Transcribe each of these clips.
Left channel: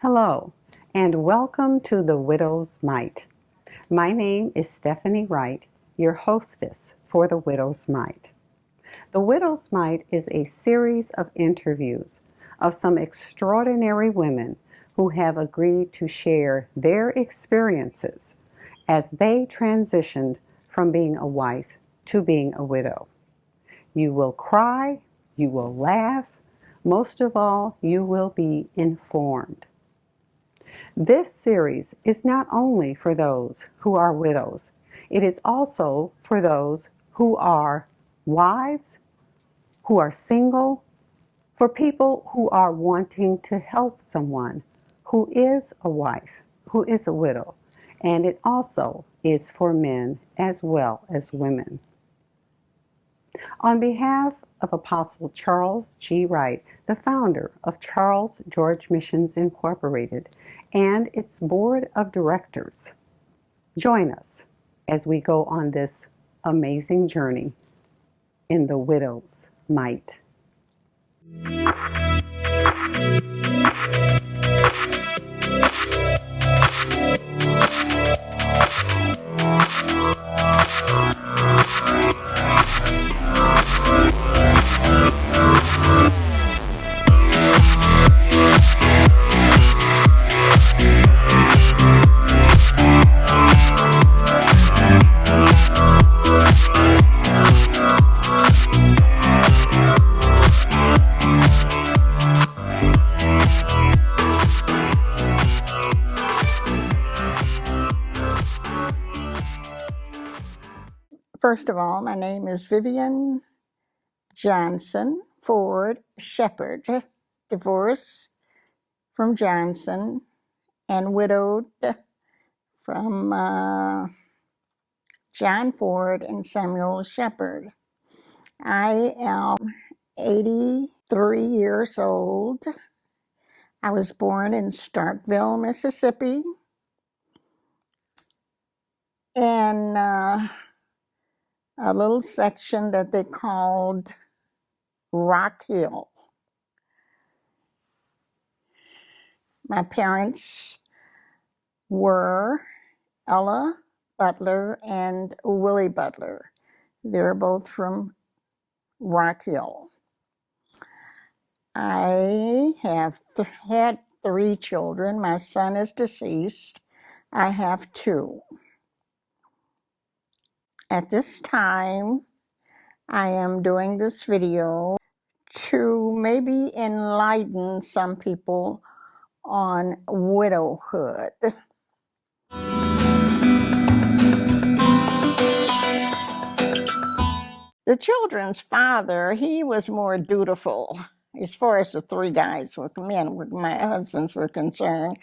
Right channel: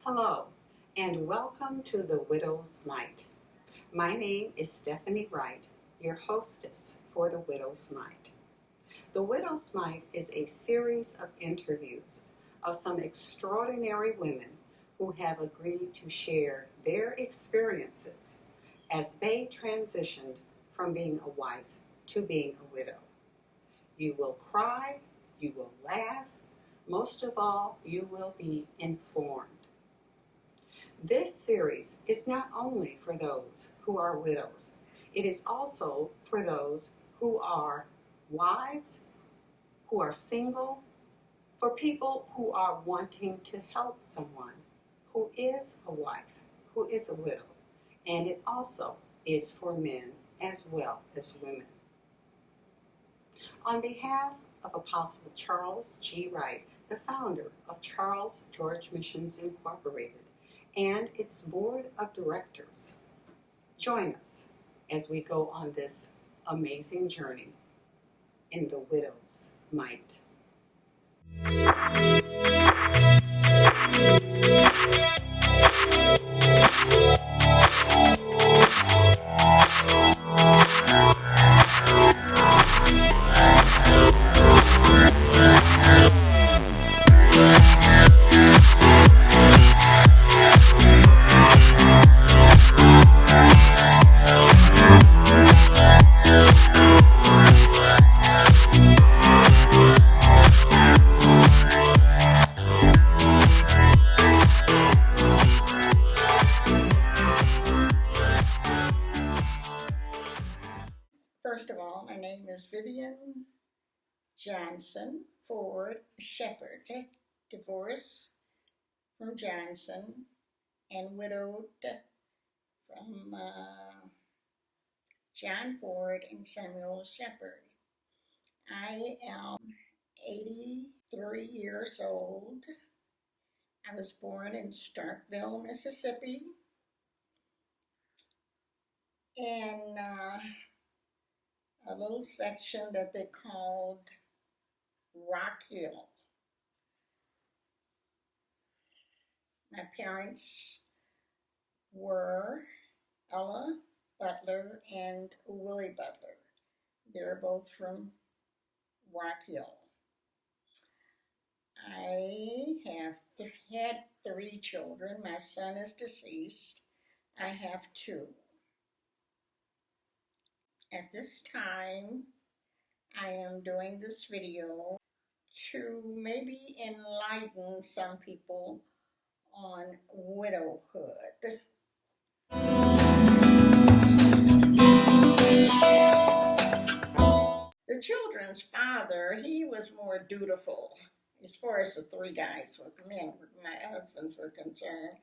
Hello, and welcome to The Widow's Mite. My name is Stephanie Wright, your hostess for The Widow's Mite. The Widow's Mite is a series of interviews of some extraordinary women who have agreed to share their experiences as they transitioned from being a wife to being a widow. You will cry, you will laugh, most of all, you will be informed. This series is not only for those who are widows, it is also for those who are wives, who are single, for people who are wanting to help someone who is a wife, who is a widow, and it also is for men as well as women. On behalf of Apostle Charles G. Wright, the founder of Charles George Missions Incorporated, and its board of directors, join us as we go on this amazing journey in the widow's mite. First of all, my name is Vivian Johnson Ford Shepherd, divorced from Johnson and widowed from John Ford and Samuel Shepherd. I am 83 years old. I was born in Starkville, Mississippi, and a little section that they called Rock Hill. My parents were Ella Butler and Willie Butler. They're both from Rock Hill. I have had 3 children. My son is deceased. I have 2. At this time, I am doing this video to maybe enlighten some people on widowhood. The children's father, he was more dutiful as far as the 3 guys, my husbands were concerned.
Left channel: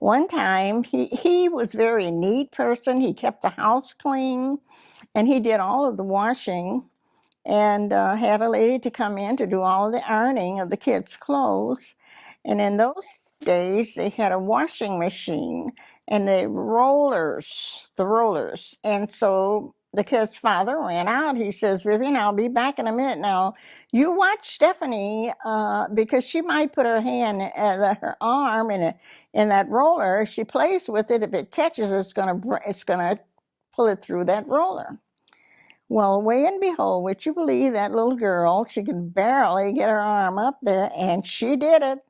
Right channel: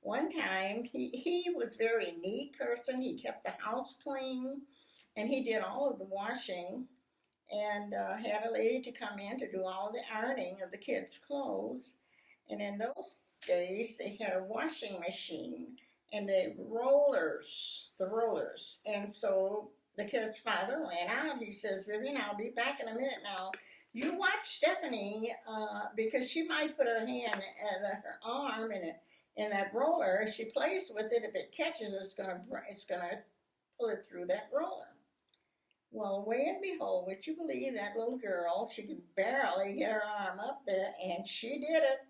One time, he was a very neat person. He kept the house clean, and he did all of the washing, and had a lady to come in to do all of the ironing of the kids' clothes. And in those days, they had a washing machine and the rollers. And so the kid's father ran out. He says, Vivian, I'll be back in a minute now. You watch Stephanie, because she might put her hand, her arm in that roller. If she plays with it, if it catches, it's gonna pull it through that roller. Well, way and behold, would you believe that little girl, she could barely get her arm up there, and she did it.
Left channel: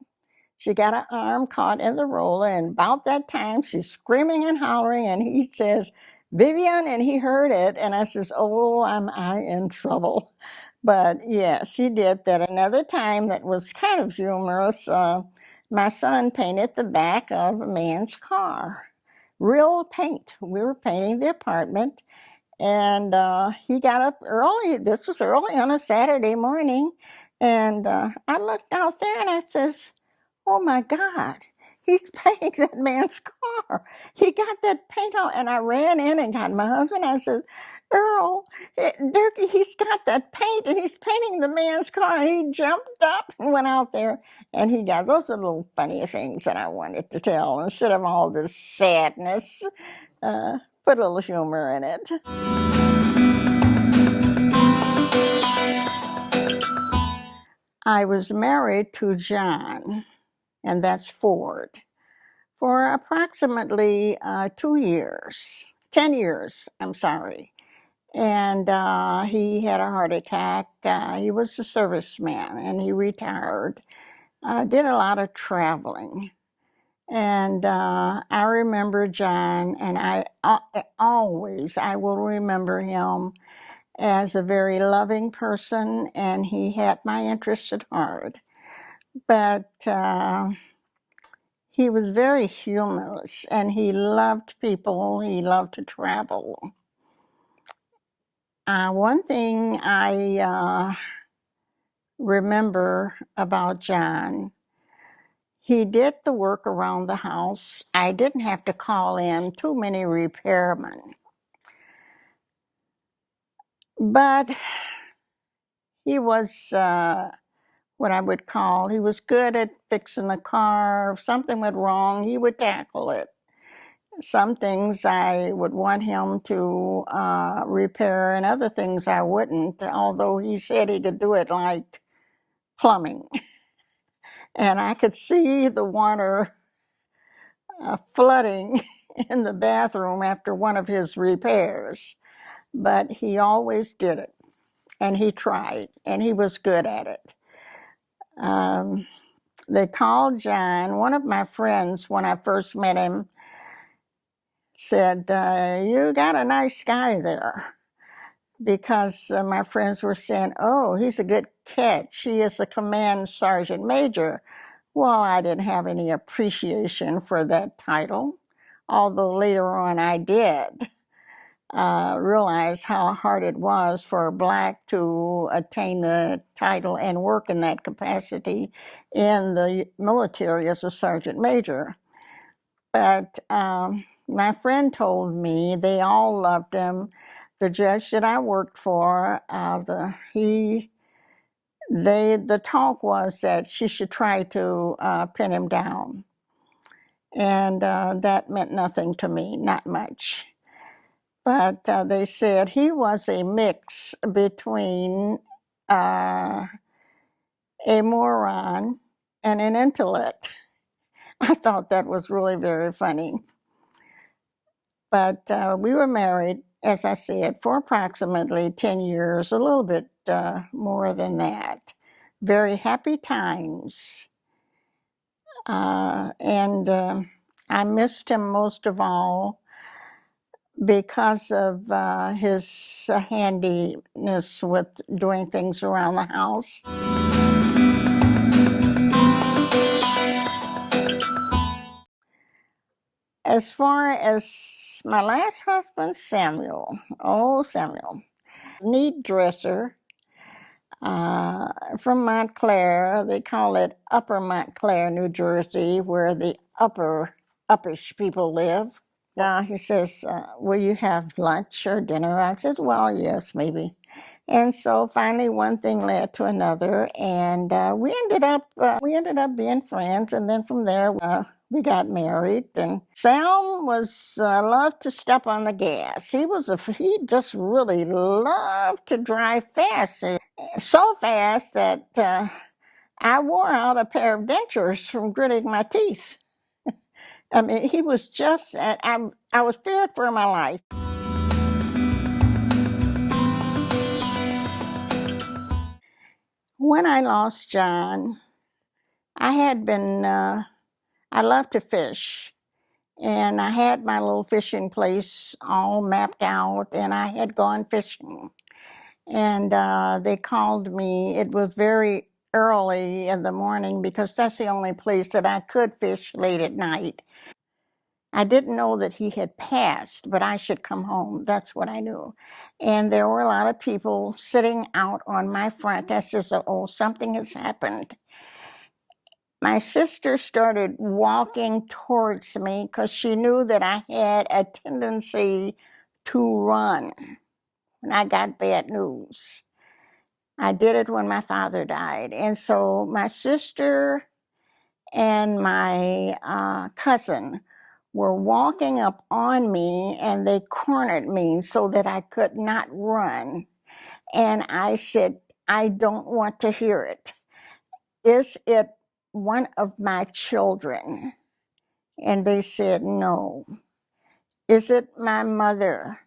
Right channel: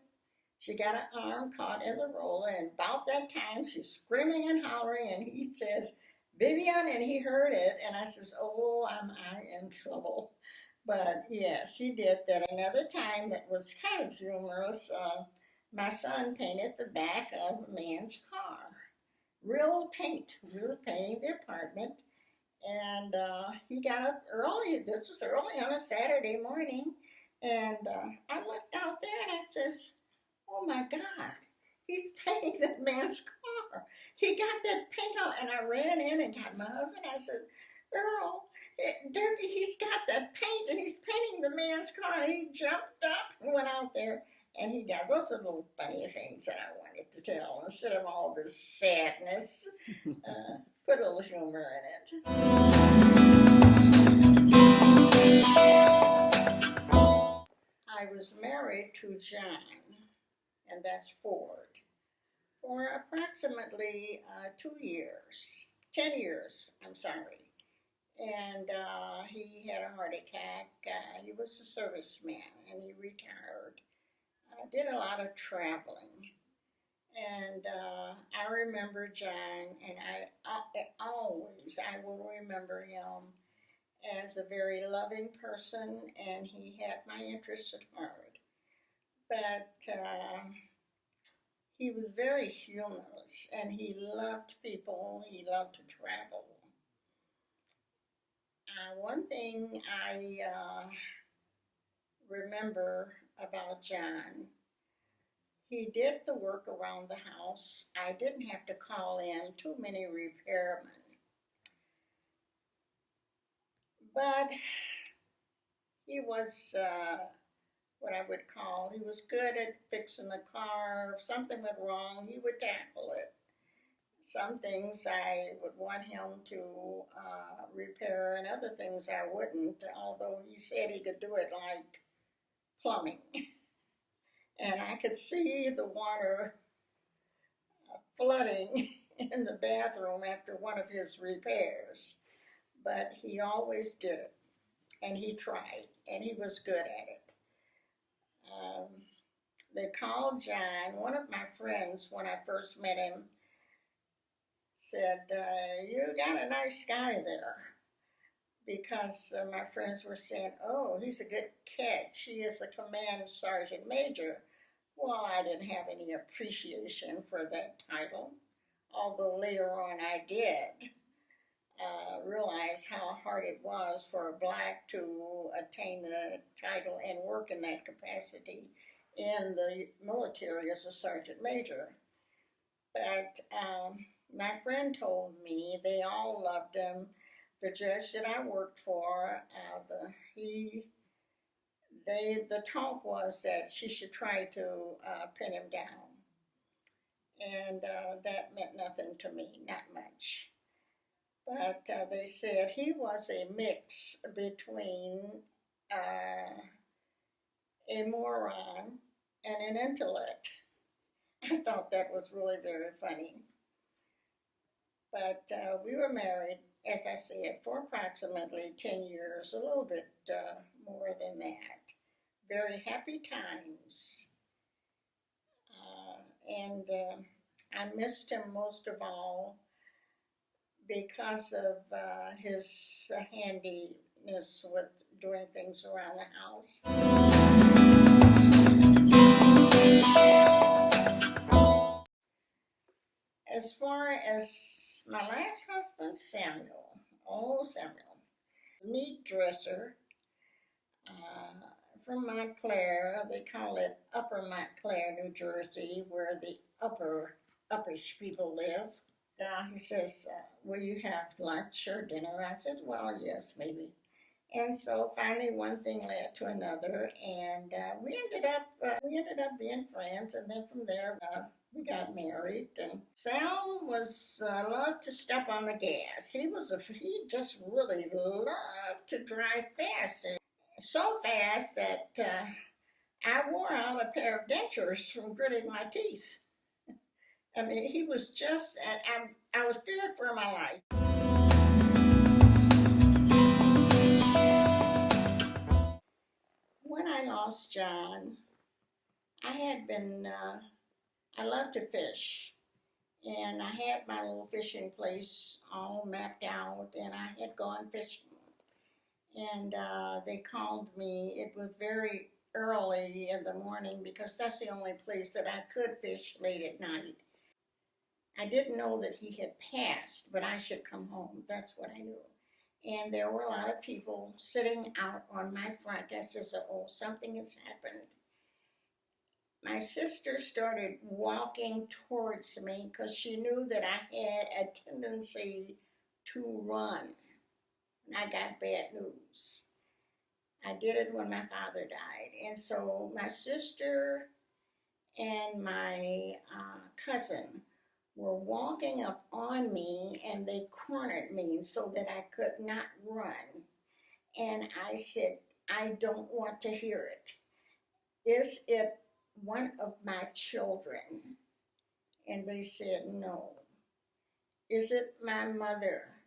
She got her arm caught in the roller, and about that time, she's screaming and hollering, and he says, Vivian, and he heard it, and I says, oh, am I in trouble? But yes, he did that. Another time that was kind of humorous, my son painted the back of a man's car. Real paint. We were painting the apartment, and he got up early. This was early on a Saturday morning, and I looked out there, and I says, oh my God, he's painting that man's car. He got that paint on, and I ran in and got my husband. I said, Earl, he's got that paint and he's painting the man's car. And he jumped up and went out there and he got those are little funny things that I wanted to tell instead of all this sadness. Put a little humor in it. I was married to John, and that's Ford, for approximately 2 years, 10 years, I'm sorry. And he had a heart attack. He was a serviceman and he retired. Did a lot of traveling. And I remember John, and I will remember him as a very loving person, and he had my interests at heart. But he was very humorous, and he loved people. He loved to travel. One thing I remember about John, he did the work around the house. I didn't have to call in too many repairmen. But he was what I would call, he was good at fixing the car. If something went wrong, he would tackle it. Some things I would want him to repair, and other things I wouldn't, although he said he could do it like plumbing. And I could see the water flooding in the bathroom after one of his repairs. But he always did it, and he tried, and he was good at it. They called John. One of my friends, when I first met him, said, you got a nice guy there. Because my friends were saying, oh, he's a good catch. He is a command sergeant major. Well, I didn't have any appreciation for that title, although later on I did realize how hard it was for a Black to attain the title and work in that capacity in the military as a sergeant major. But my friend told me they all loved him. The judge that I worked for, the talk was that she should try to pin him down. And that meant nothing to me, not much. But they said he was a mix between a moron and an intellect. I thought that was really very funny. But we were married, as I said, for approximately 10 years, a little bit more than that. Very happy times. And I missed him most of all because of his handiness with doing things around the house. As far as my last husband, Samuel, neat dresser from Montclair. They call it Upper Montclair, New Jersey, where the uppish people live. He says, will you have lunch or dinner? I said, well, yes, maybe. And so finally one thing led to another, and we ended up being friends. And then from there, we got married. And Sam was loved to step on the gas. He just really loved to drive fast, so fast that I wore out a pair of dentures from gritting my teeth. I mean, he was just, and I was feared for my life. When I lost John, I loved to fish. And I had my little fishing place all mapped out, and I had gone fishing. And they called me. It was very early in the morning because that's the only place that I could fish late at night. I didn't know that he had passed, but I should come home. That's what I knew. And there were a lot of people sitting out on my front. I said, oh, something has happened. My sister started walking towards me because she knew that I had a tendency to run. when I got bad news. I did it when my father died. And so my sister and my cousin were walking up on me, and they cornered me so that I could not run. And I said, I don't want to hear it. Is it one of my children? And they said, no. Is it my mother?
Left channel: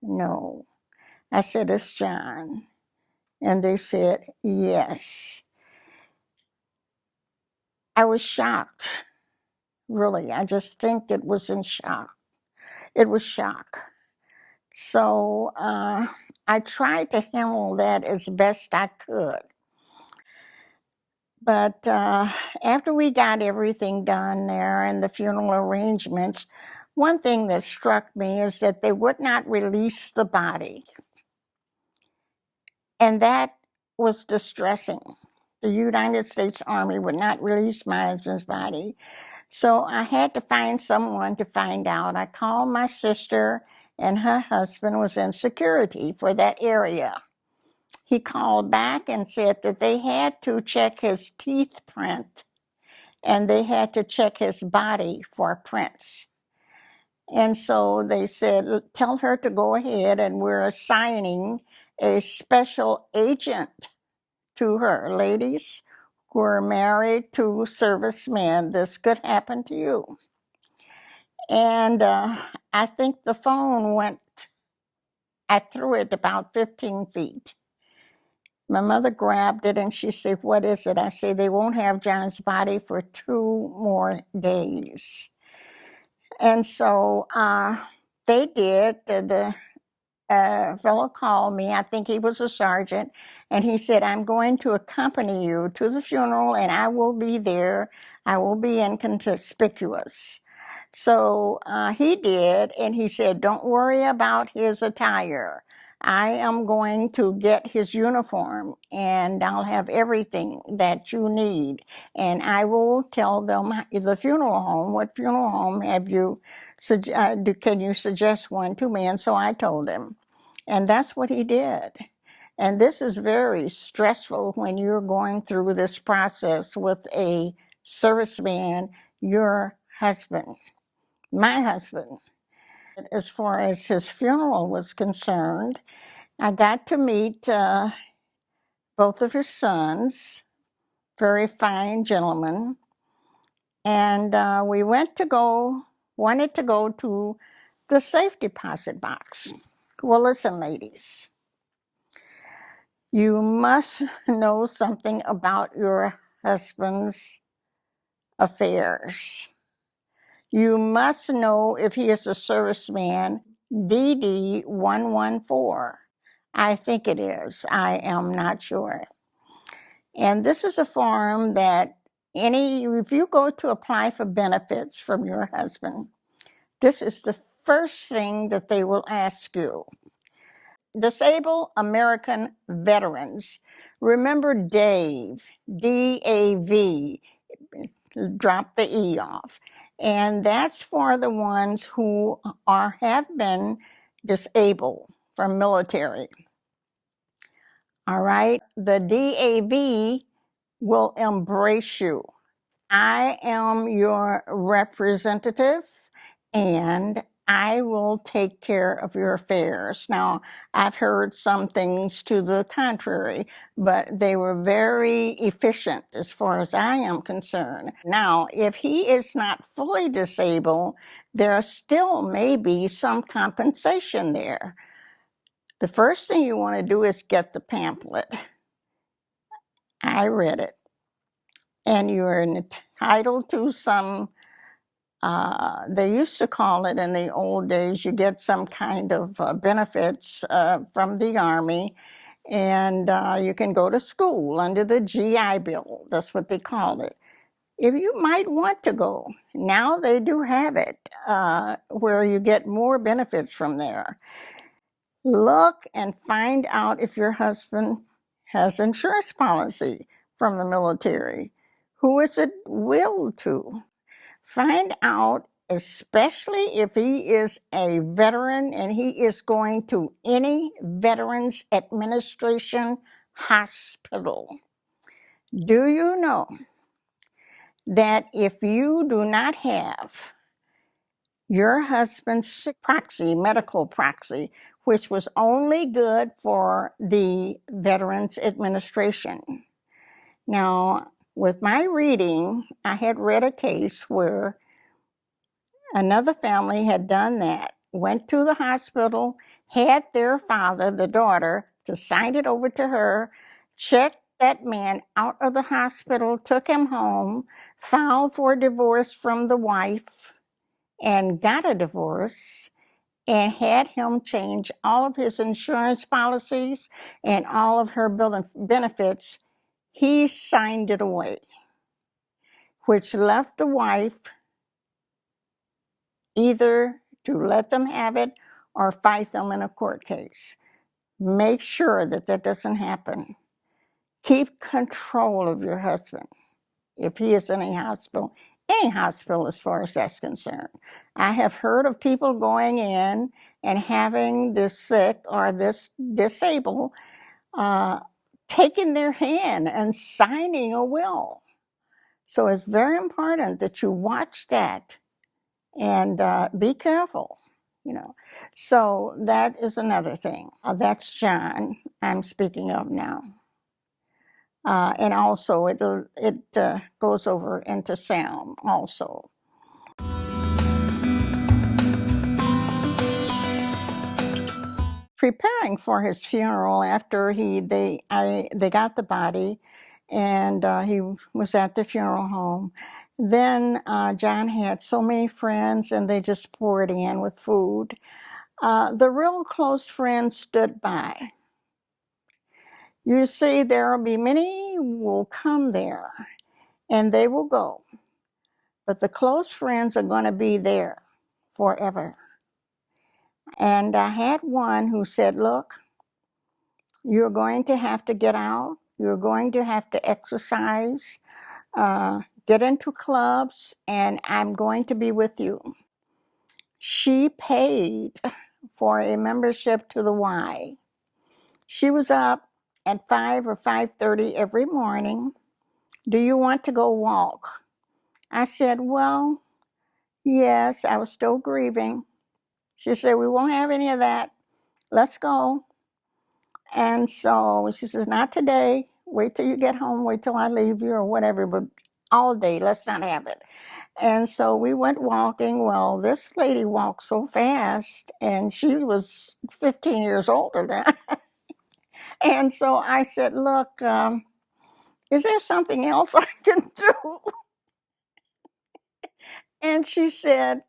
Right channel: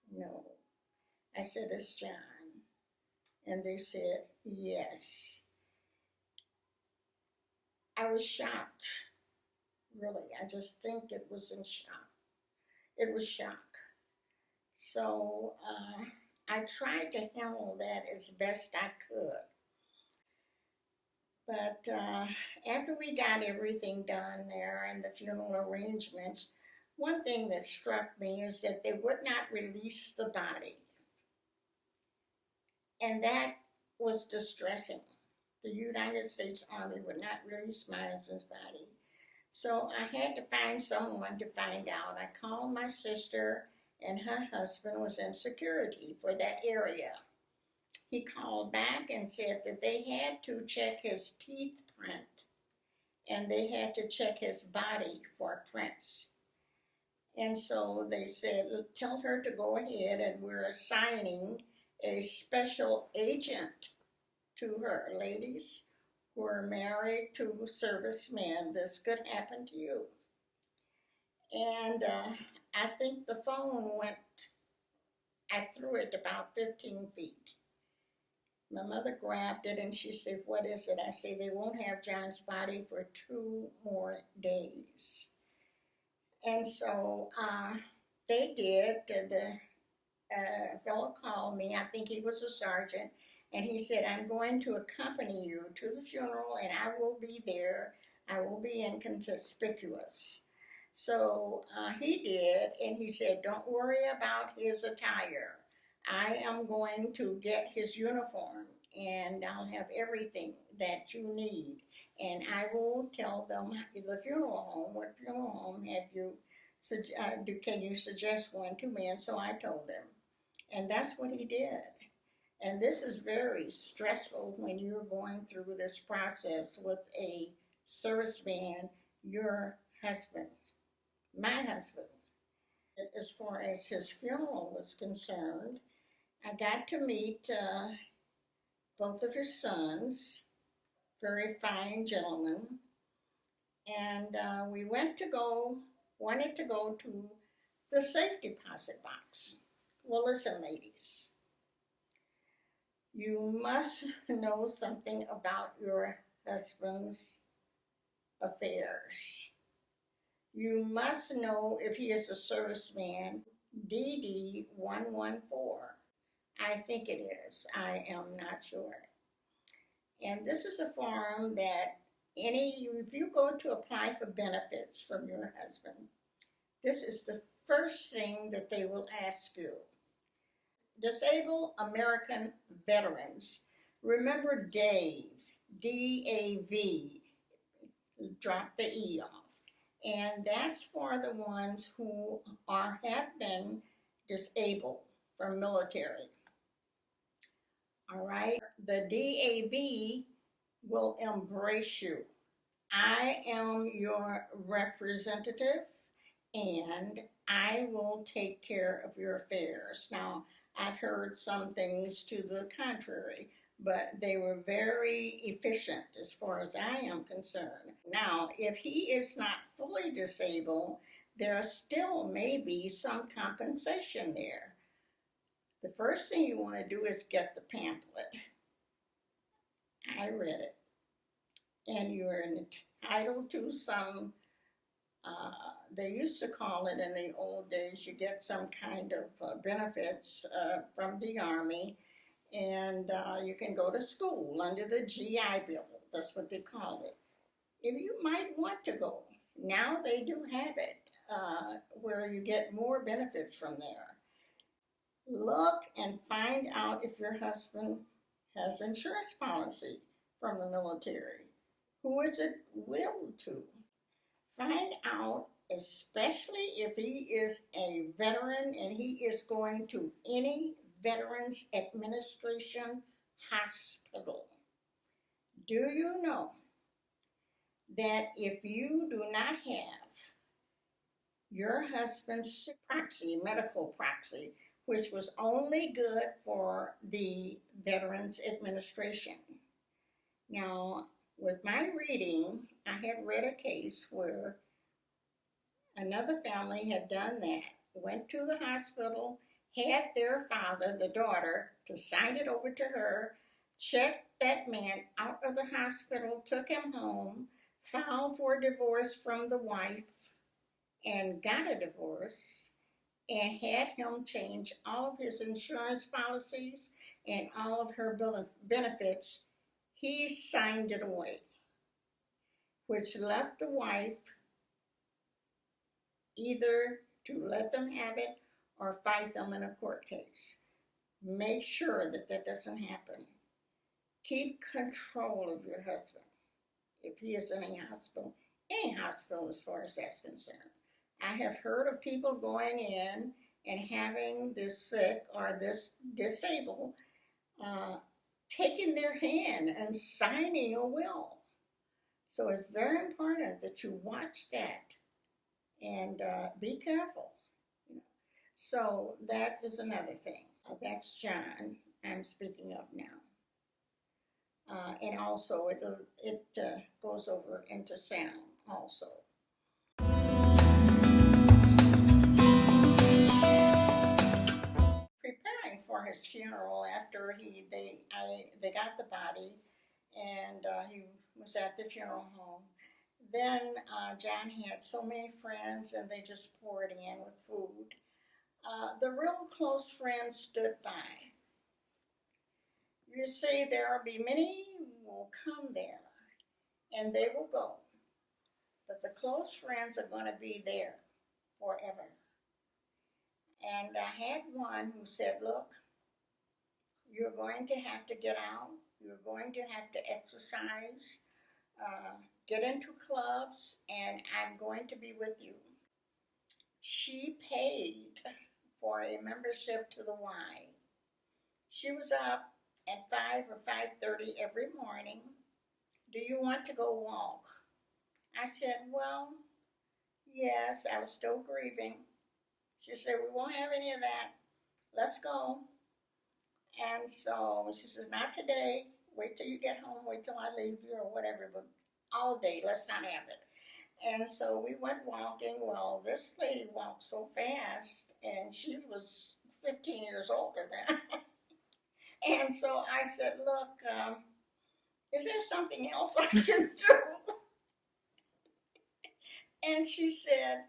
No. I said, it's John. And they said, yes. I was shocked, really. I just think it was in shock. It was shock. So I tried to handle that as best I could. But after we got everything done there and the funeral arrangements, one thing that struck me is that they would not release the body. And that was distressing. The United States Army would not release my husband's body. So I had to find someone to find out. I called my sister, and her husband was in security for that area. He called back and said that they had to check his teeth print, and they had to check his body for prints. And so they said, tell her to go ahead, and we're assigning a special agent to her. Ladies who are married to servicemen, this could happen to you. And I think the phone went, I threw it about 15 feet. My mother grabbed it and she said, what is it? I said, they won't have John's body for 2 more days. And so they did. The fellow called me. I think he was a sergeant. And he said, I'm going to accompany you to the funeral, and I will be there. I will be inconspicuous. So he did, and he said, don't worry about his attire. I am going to get his uniform, and I'll have everything that you need. And I will tell them, the funeral home, what funeral home have you, can you suggest one to me? And so I told him. And that's what he did. And this is very stressful when you're going through this process with a serviceman, your husband, my husband. As far as his funeral was concerned, I got to meet both of his sons, very fine gentlemen. And we wanted to go to the safe deposit box. Well, listen, ladies, you must know something about your husband's affairs. You must know if he is a serviceman, DD 114. I think it is. I am not sure. And this is a form that if you go to apply for benefits from your husband, this is the first thing that they will ask you. Disabled American Veterans. Remember Dave, D-A-V, drop the E off. And that's for the ones who have been disabled from military. All right, the DAV will embrace you. I am your representative, and I will take care of your affairs. Now, I've heard some things to the contrary, but they were very efficient as far as I am concerned. Now, if he is not fully disabled, there still may be some compensation there. The first thing you want to do is get the pamphlet. I read it. And you're entitled to some, they used to call it in the old days, you get some kind of benefits from the Army, and you can go to school under the GI Bill. That's what they call it. If you might want to go, now they do have it where you get more benefits from there. Look and find out if your husband has insurance policy from the military. Who is it willed to? Find out especially if he is a veteran and he is going to any Veterans Administration hospital. Do you know that if you do not have your husband's proxy, medical proxy, which was only good for the Veterans Administration? Now, with my reading, I had read a case where another family had done that, went to the hospital, had their father, the daughter, to sign it over to her, checked that man out of the hospital, took him home, filed for divorce from the wife, and got a divorce, and had him change all of his insurance policies and all of her benefits. He signed it away, which left the wife either to let them have it or fight them in a court case. Make sure that that doesn't happen. Keep control of your husband if he is in a hospital, any hospital as far as that's concerned. I have heard of people going in and having this sick or this disabled taking their hand and signing a will. So it's very important that you watch that and be careful, you know. So that is another thing. That's John I'm speaking of now. And also it goes over into Sam also. Preparing for his funeral after they got the body, and he was at the funeral home. Then John had so many friends, and they just poured in with food. The real close friends stood by. You see, there will be many will come there, and they will go. But the close friends are going to be there forever. And I had one who said, look, you're going to have to get out. You're going to have to exercise, get into clubs, and I'm going to be with you. She paid for a membership to the Y. She was up at 5 or 5:30 every morning. Do you want to go walk? I said, well, yes, I was still grieving. She said, we won't have any of that. Let's go. And so she says, not today. Wait till you get home. Wait till I leave you or whatever, but all day, let's not have it. And so we went walking. Well, this lady walked so fast, and she was 15 years older than I. And so I said, look, is there something else I can do? And she said,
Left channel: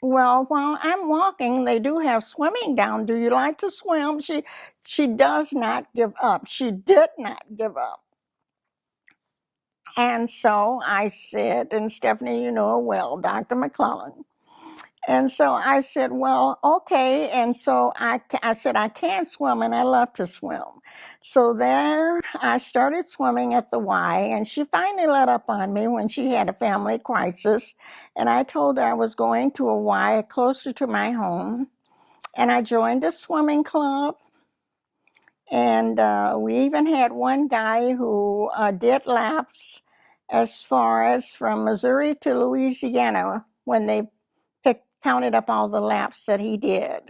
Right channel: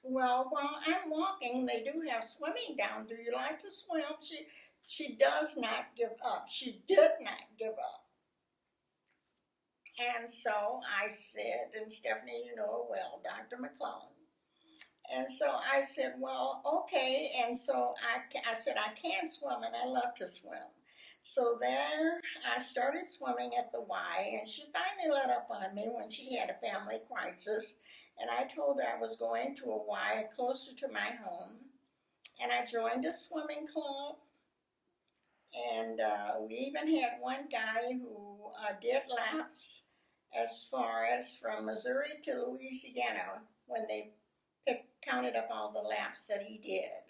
well, while I'm walking, they do have swimming down. Do you like to swim? She does not give up. She did not give up. And so I said, and Stephanie, you know her well, Dr. McClellan. And so I said, well, okay. And so I said, I can swim, and I love to swim. So there I started swimming at the Y, and she finally let up on me when she had a family crisis. And I told her I was going to a Y closer to my home. And I joined a swimming club. And we even had one guy who did laps as far as from Missouri to Louisiana when they counted up all the laps that he did.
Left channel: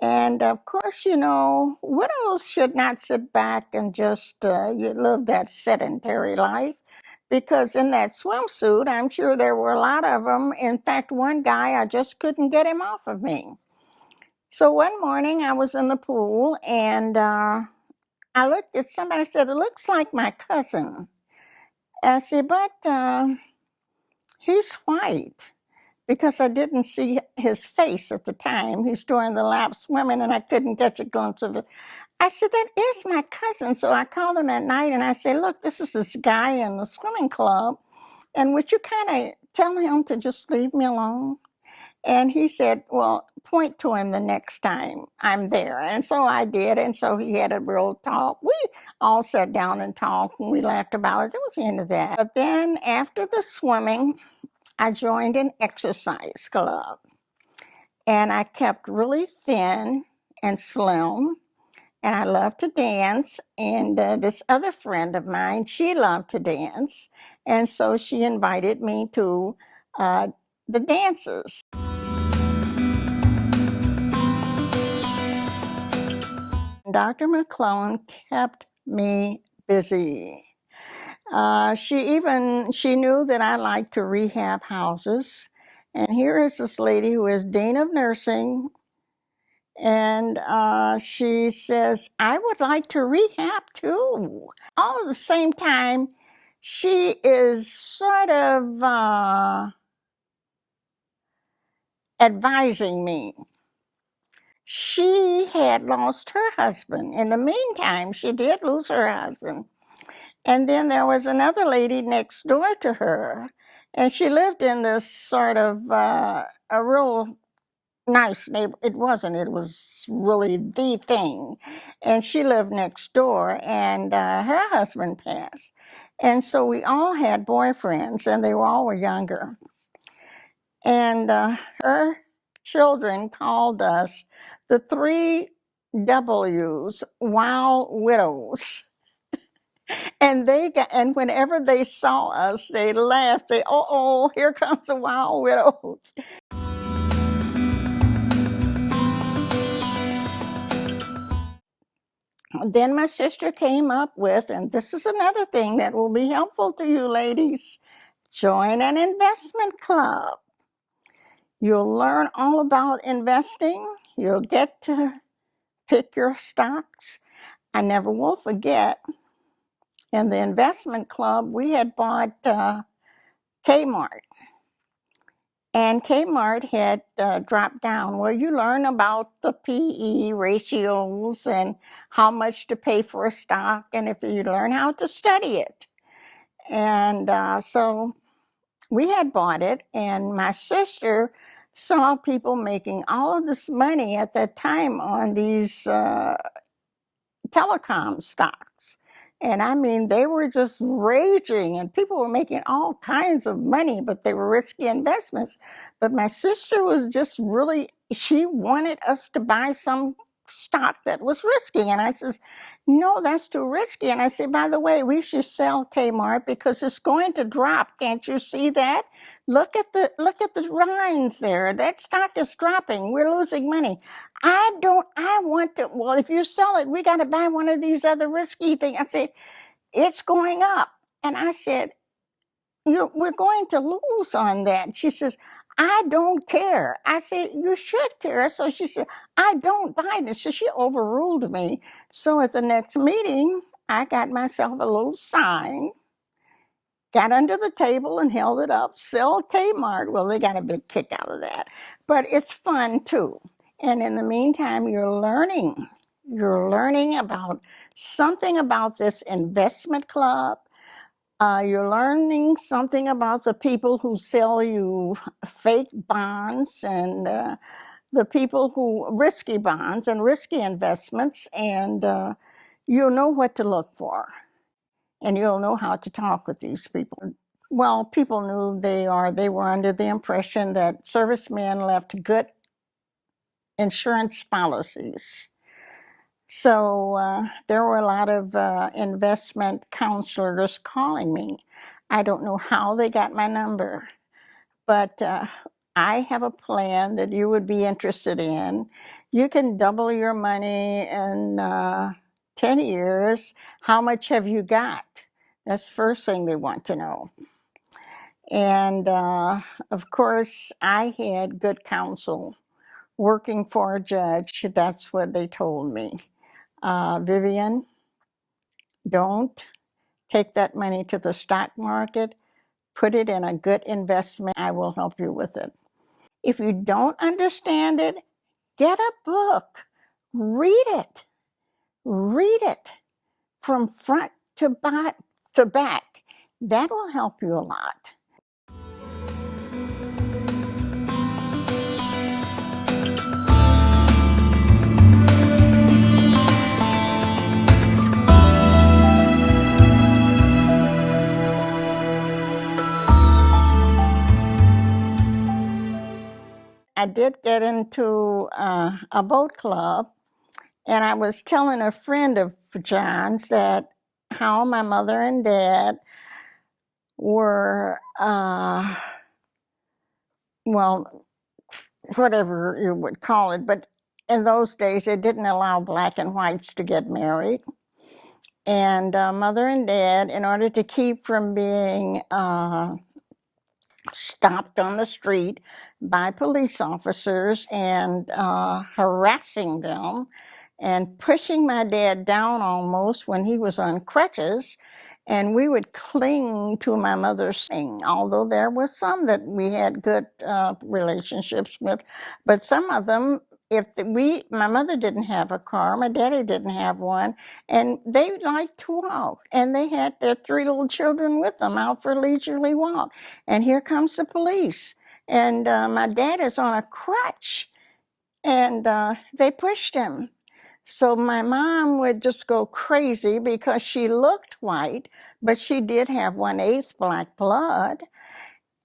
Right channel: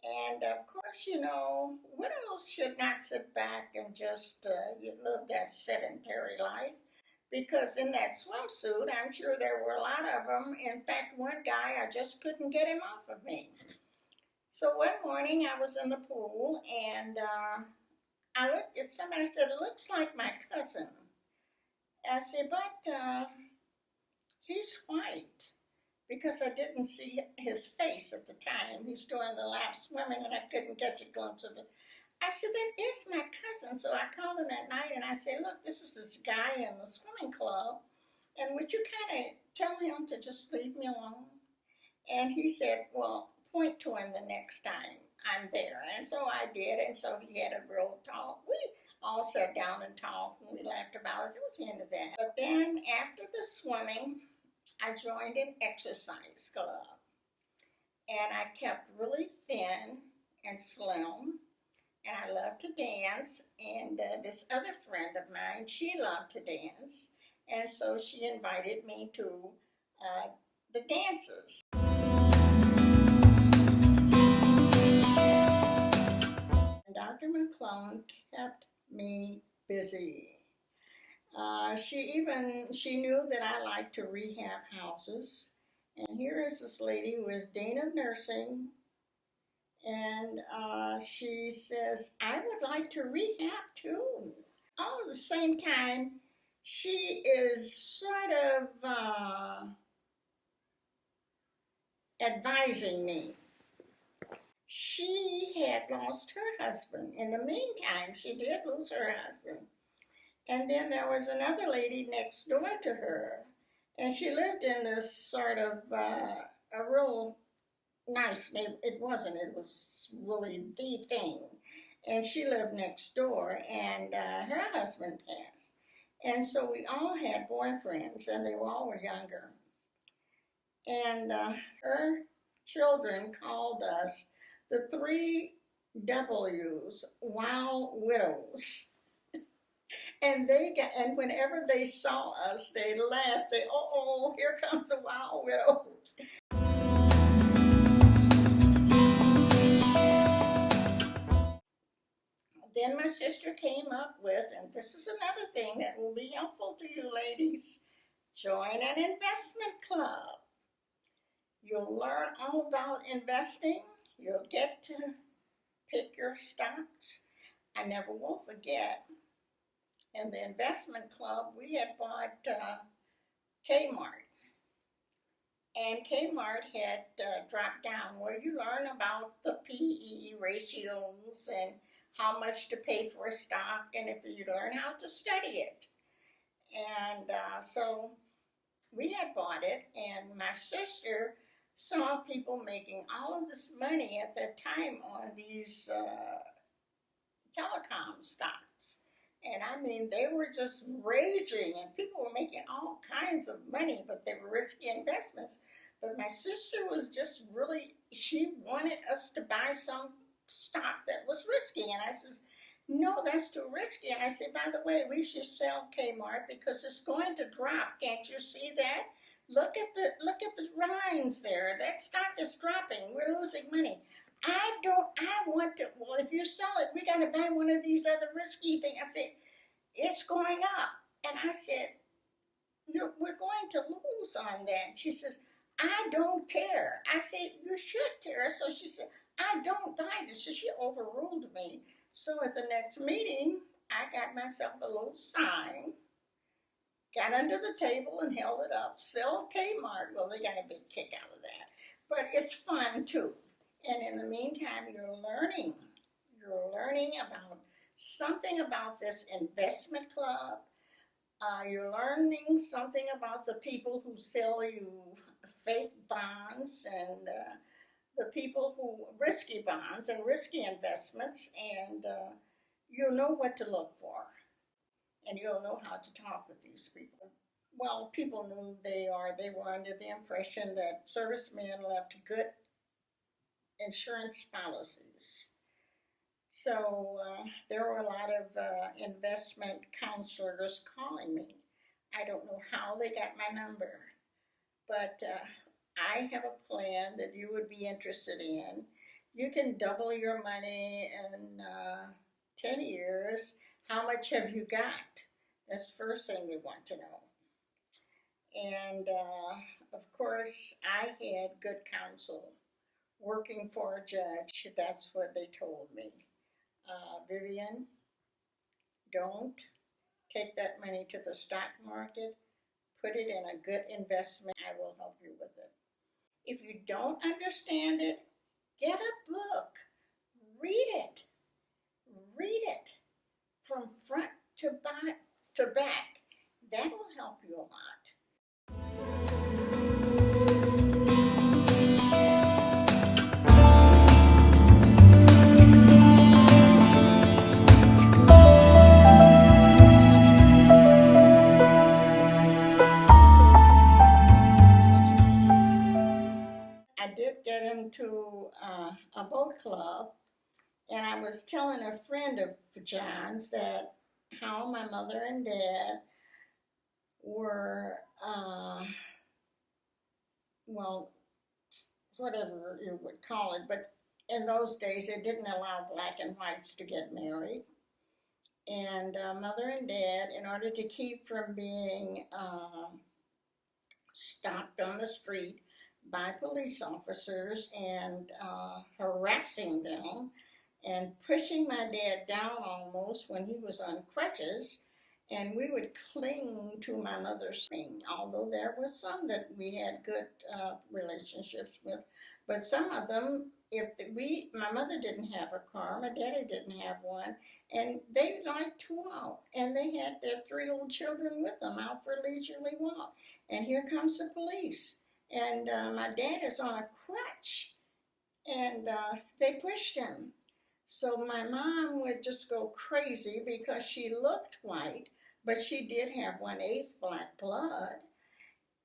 And of course, you know, widows should not sit back and just live that sedentary life, because in that swimsuit, I'm sure there were a lot of them. In fact, one guy, I just couldn't get him off of me. So one morning I was in the pool, and I looked at somebody, said, it looks like my cousin. I said, but he's white, because I didn't see his face at the time. He's doing the lap swimming, and I couldn't catch a glimpse of it. I said, that is my cousin. So I called him at night, and I said, look, this is this guy in the swimming club, and would you kind of tell him to just leave me alone? And he said, well, point to him the next time I'm there. And so I did, and so he had a real talk. We all sat down and talked, and we laughed about it. That was the end of that. But then after the swimming, I joined an exercise club, and I kept really thin and slim, and I loved to dance. And this other friend of mine, she loved to dance, and so she invited me to the dances. Dr. McClellan kept me busy. She knew that I liked to rehab houses. And here is this lady who is Dean of Nursing. And she says, I would like to rehab too. All at the same time, she is sort of advising me. She had lost her husband. In the meantime, she did lose her husband. And then there was another lady next door to her, and she lived in this sort of a real nice neighbor. It was really the thing. And she lived next door, and her husband passed. And so we all had boyfriends, and they all were younger. And her children called us the 3 W's, wild widows. And whenever they saw us, they laughed. Oh, here comes the wild widows. Then my sister came up with, and this is another thing that will be helpful to you ladies, join an investment club. You'll learn all about investing. You'll get to pick your stocks. I never will forget, in the investment club, we had bought Kmart. And Kmart had dropped down. Well, you learn about the PE ratios and how much to pay for a stock, and if you learn how to study it. And so we had bought it, and my sister saw people making all of this money at that time on these telecom stocks. And I mean, they were just raging, and people were making all kinds of money, but they were risky investments. But my sister was just she wanted us to buy some stock that was risky. And I says, no, that's too risky. And I said, by the way, we should sell Kmart because it's going to drop. Can't you see that? Look at the lines there. That stock is dropping. We're losing money. Well, if you sell it, we got to buy one of these other risky things. I said, it's going up. And I said, we're going to lose on that. She says, I don't care. I said, you should care. So she said, I don't buy this. So she overruled me. So at the next meeting, I got myself a little sign, got under the table and held it up, sell Kmart. Well, they got a big kick out of that. But it's fun too. And in the meantime, you're learning about something about this investment club. You're learning something about the people who sell you fake bonds and the people who risky bonds and risky investments. And you'll know what to look for. And you'll know how to talk with these people. Well, people knew they were under the impression that servicemen left good insurance policies. So there were a lot of investment counselors calling me. I don't know how they got my number, but I have a plan that you would be interested in. You can double your money in 10 years. How much have you got? That's the first thing they want to know. And of course, I had good counsel. Working for a judge, that's what they told me. Vivian, don't take that money to the stock market. Put it in a good investment. I will help you with it. If you don't understand it, get a book. Read it. Read it from front to back. That will help you a lot. I did get into a boat club, and I was telling a friend of John's that how my mother and dad were, well, whatever you would call it, but in those days, they didn't allow black and whites to get married. And mother and dad, in order to keep from being stopped on the street by police officers and harassing them and pushing my dad down almost when he was on crutches. And we would cling to my mother's thing, although there were some that we had good relationships with. But some of them, my mother didn't have a car, my daddy didn't have one, and they liked to walk. And they had their 3 little children with them out for leisurely walk. And here comes the police. And my dad is on a crutch, and they pushed him. So my mom would just go crazy because she looked white, but she did have 1/8 black blood.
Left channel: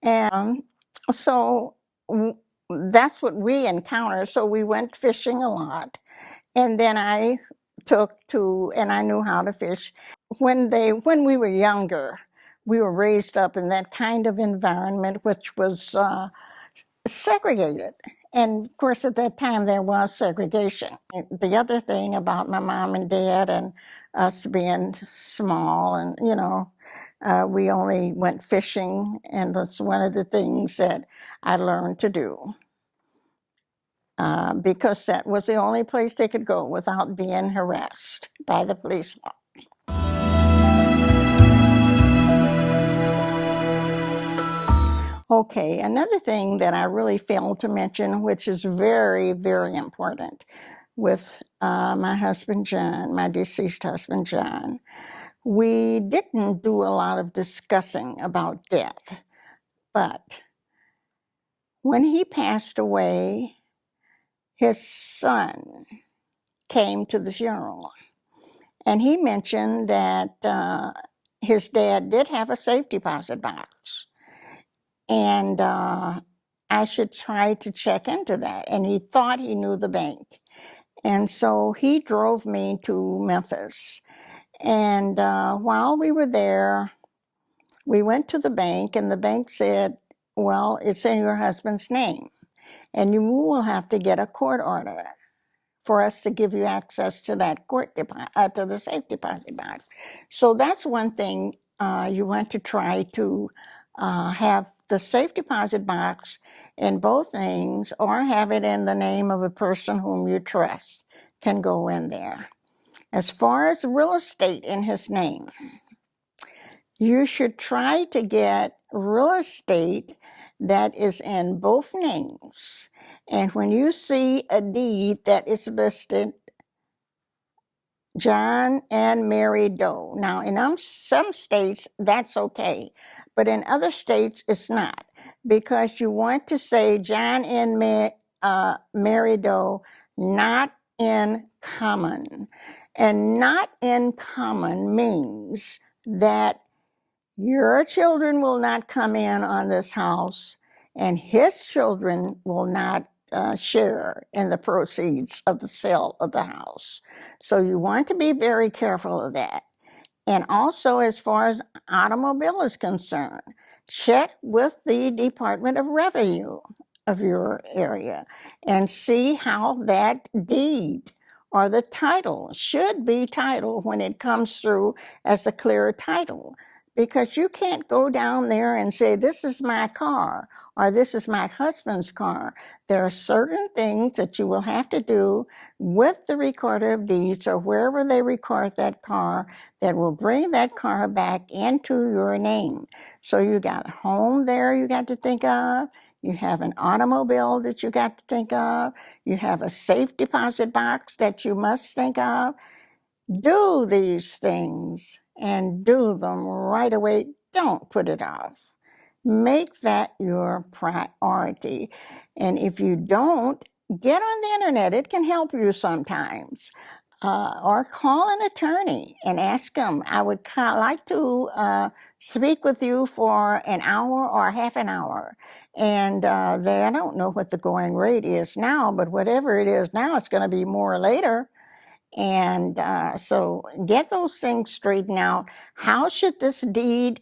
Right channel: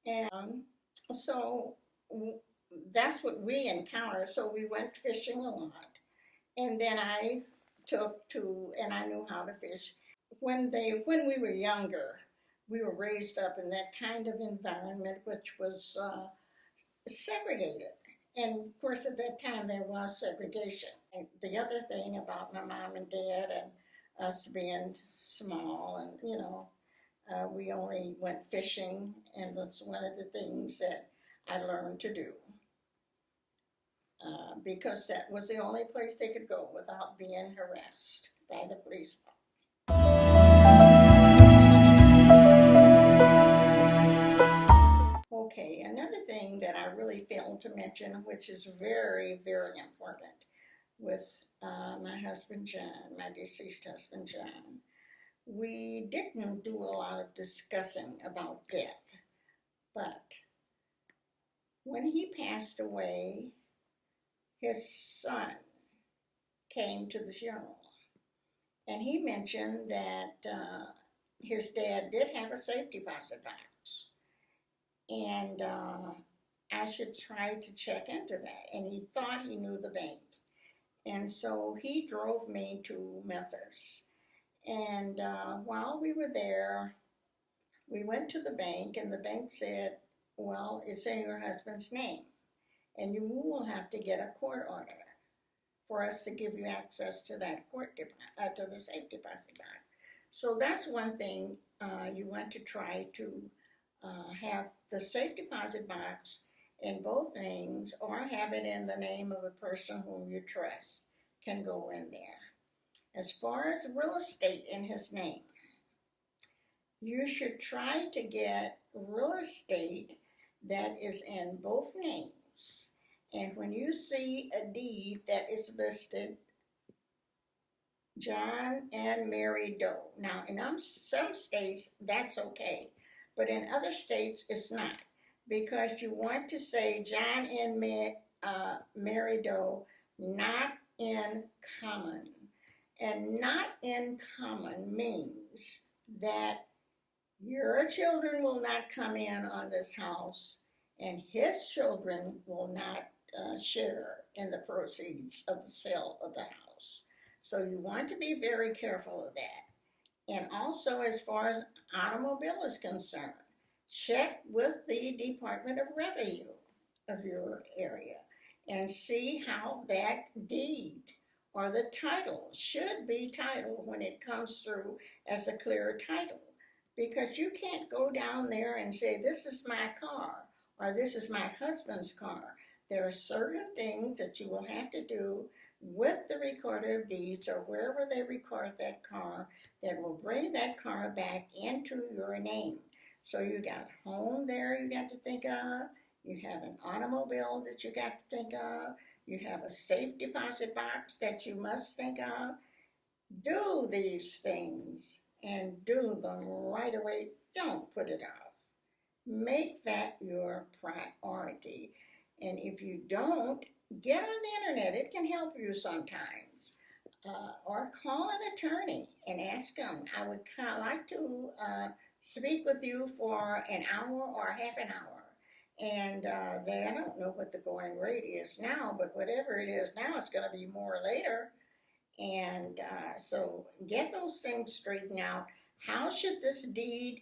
And so that's what we encountered. So we went fishing a lot. And then I and I knew how to fish. When we were younger, we were raised up in that kind of environment, which was segregated. And of course, at that time, there was segregation. The other thing about my mom and dad and us being small, and, we only went fishing, and that's one of the things that I learned to do. Because that was the only place they could go without being harassed by the police. Okay, another thing that I really failed to mention, which is very, very important with my husband, John, my deceased husband, John, we didn't do a lot of discussing about death. But when he passed away, his son came to the funeral. And he mentioned that his dad did have a safe deposit box. And I should try to check into that. And he thought he knew the bank. And so he drove me to Memphis. And while we were there, we went to the bank, and the bank said, well, it's in your husband's name, and you will have to get a court order for us to give you access to that to the safe deposit box. So that's one thing you want to try to have the safe deposit box in both names, or have it in the name of a person whom you trust can go in there. As far as real estate in his name, you should try to get real estate that is in both names. And when you see a deed that is listed John and Mary Doe. Now, in some states, that's okay. But in other states, it's not. Because you want to say John and Mary Doe, not in common. And not in common means that your children will not come in on this house, and his children will not share in the proceeds of the sale of the house. So you want to be very careful of that. And also, as far as automobile is concerned, check with the Department of Revenue of your area and see how that deed or the title should be titled when it comes through as a clear title. Because you can't go down there and say, this is my car, or this is my husband's car. There are certain things that you will have to do with the recorder of deeds or wherever they record that car that will bring that car back into your name. So you got a home there you got to think of. You have an automobile that you got to think of. You have a safe deposit box that you must think of. Do these things and do them right away. Don't put it off. Make that your priority. And if you don't, get on the internet. It can help you sometimes. or call an attorney and ask them, I would like to speak with you for an hour or half an hour. And I don't know what the going rate is now, but whatever it is now, it's going to be more later. And so get those things straightened out. How should this deed,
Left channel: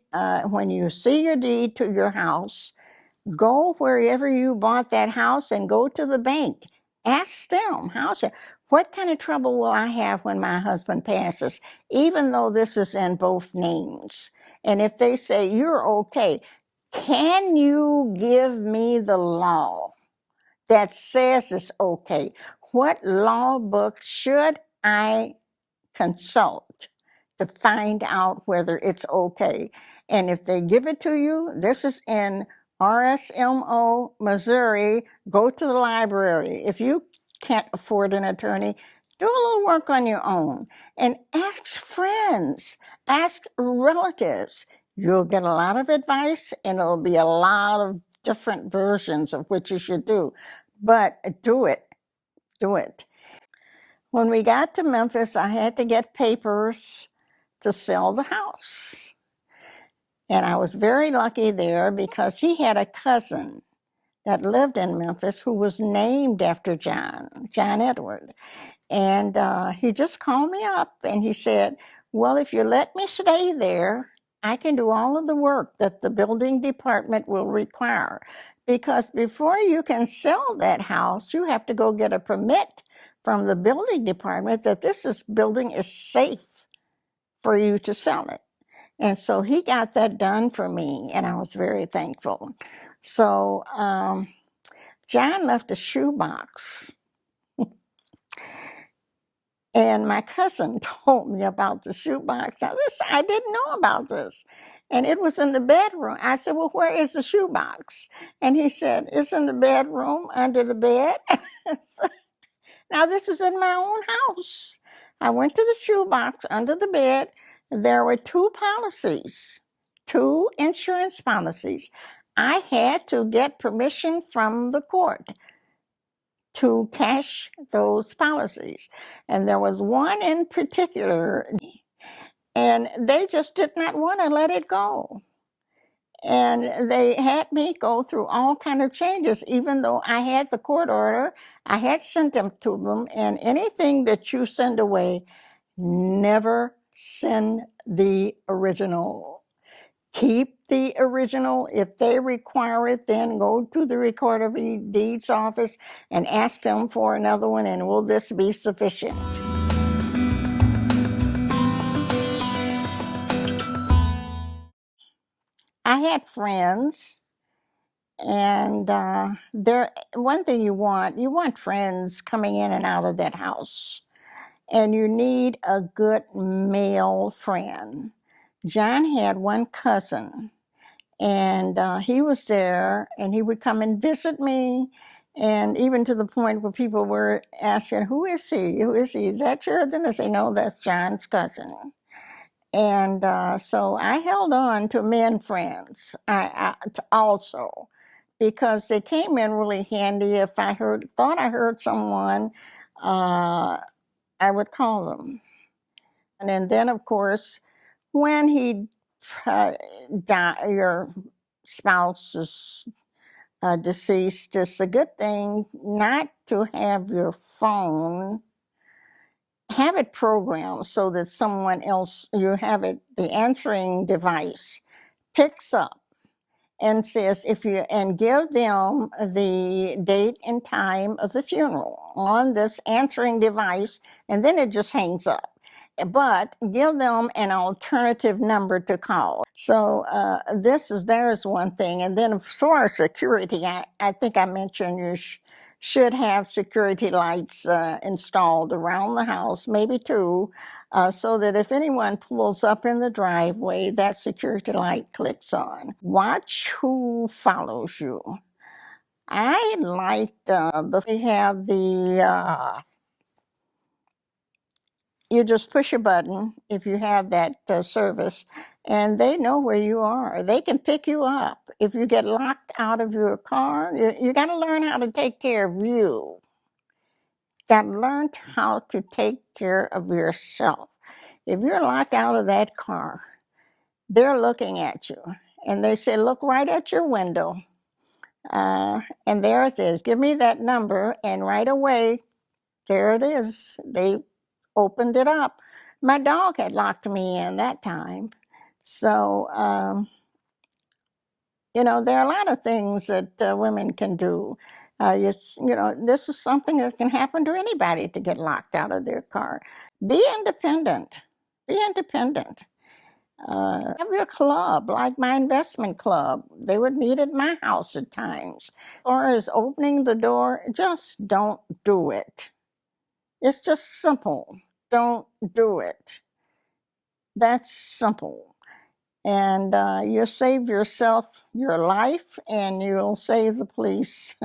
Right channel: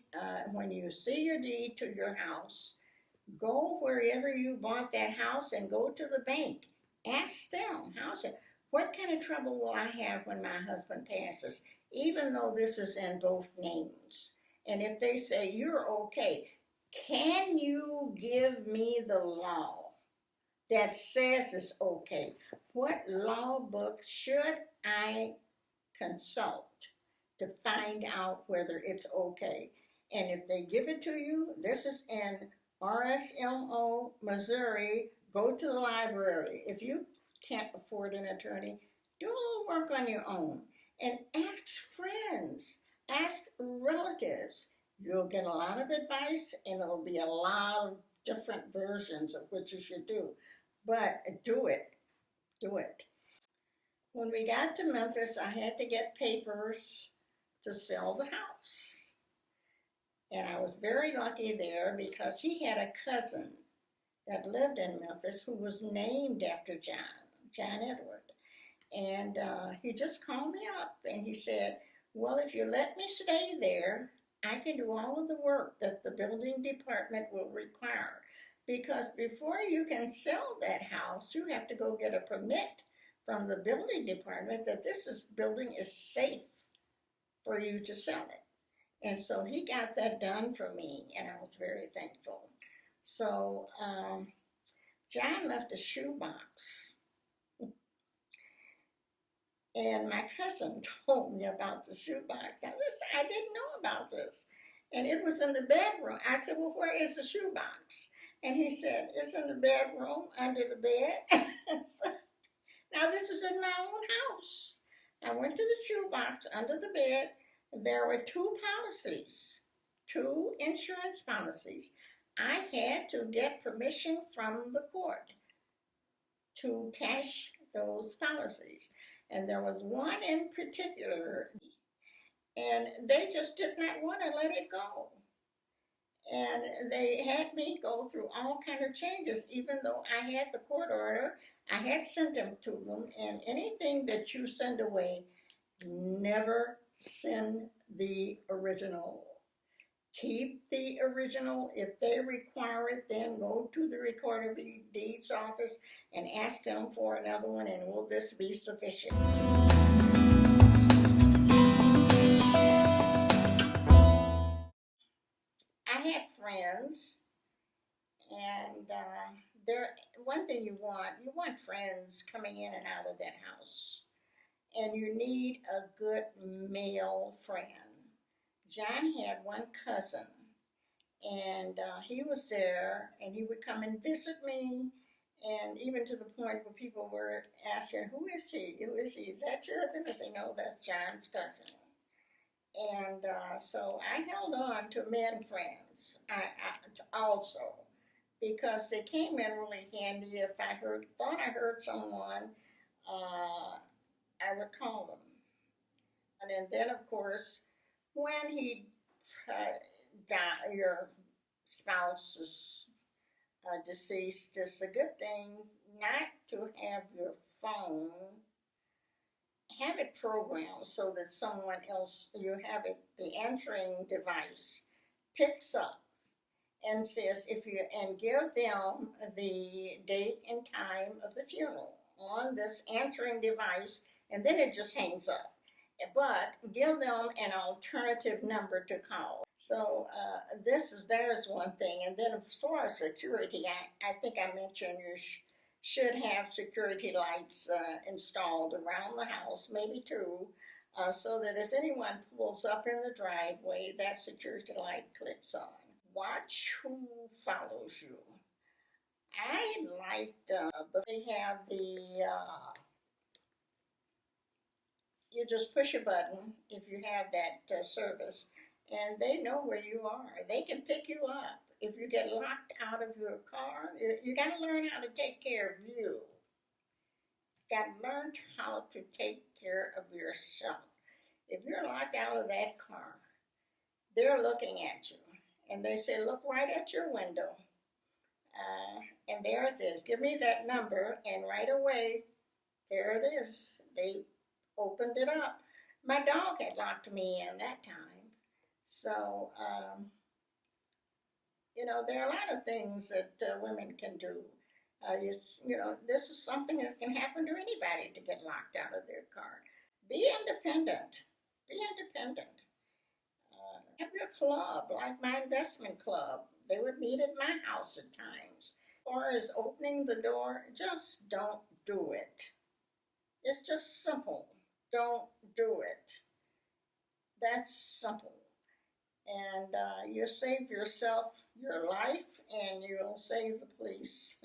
when you see your deed to your house, go wherever you bought that house and go to the bank. Ask them, what kind of trouble will I have when my husband passes, even though this is in both names? And if they say, you're okay, can you give me the law that says it's okay? What law book should I consult to find out whether it's okay? And if they give it to you, this is in RSMO, Missouri, go to the library. If you can't afford an attorney, do a little work on your own and ask friends, ask relatives. You'll get a lot of advice, and it'll be a lot of different versions of what you should do. But do it. Do it. When we got to Memphis, I had to get papers to sell the house. And I was very lucky there because he had a cousin that lived in Memphis who was named after John Edward. And he just called me up and he said, well, if you let me stay there, I can do all of the work that the building department will require. Because before you can sell that house, you have to go get a permit from the building department that this building is safe for you to sell it. And so he got that done for me, and I was very thankful. So John left a shoebox. And my cousin told me about the shoebox. Now, I didn't know about this. And it was in the bedroom. I said, well, where is the shoebox? And he said, it's in the bedroom under the bed. Now, this is in my own house. I went to the shoebox under the bed. There were two insurance policies. I had to get permission from the court to cash those policies. And there was one in particular, and they just did not want to let it go. And they had me go through all kind of changes, even though I had the court order. I had sent them to them, and anything that you send away, never send the original. Keep the original. If they require it, then go to the Recorder of Deeds office and ask them for another one, and will this be sufficient? I had friends, and one thing you want friends coming in and out of that house, and you need a good male friend. John had one cousin, and he was there, and he would come and visit me, and even to the point where people were asking, who is he? Who is he? Is that your? Then I say, no, that's John's cousin. And so I held on to men friends also, because they came in really handy. If I thought I heard someone, I would call them. And then, of course, when your spouse is deceased, it's a good thing not to have your phone, have it programmed so that someone else, the answering device picks up and says, and give them the date and time of the funeral on this answering device, and then it just hangs up. But give them an alternative number to call. So there's one thing. And then as far as security, I think I mentioned you should have security lights installed around the house, maybe two, so that if anyone pulls up in the driveway, that security light clicks on. Watch who follows you. I liked they have you just push a button if you have that service, and they know where you are. They can pick you up. If you get locked out of your car, you got to learn how to take care of you. Got to learn how to take care of yourself. If you're locked out of that car, they're looking at you, and they say, look right at your window. And there it is. Give me that number. And right away, there it is. They opened it up. My dog had locked me in that time. So, there are a lot of things that women can do. This is something that can happen to anybody to get locked out of their car. Be independent. Be independent. Have your club, like my investment club. They would meet at my house at times. Or as opening the door, just don't do it. It's just simple. Don't do it. That's simple. And you'll save yourself your life, and you'll save the police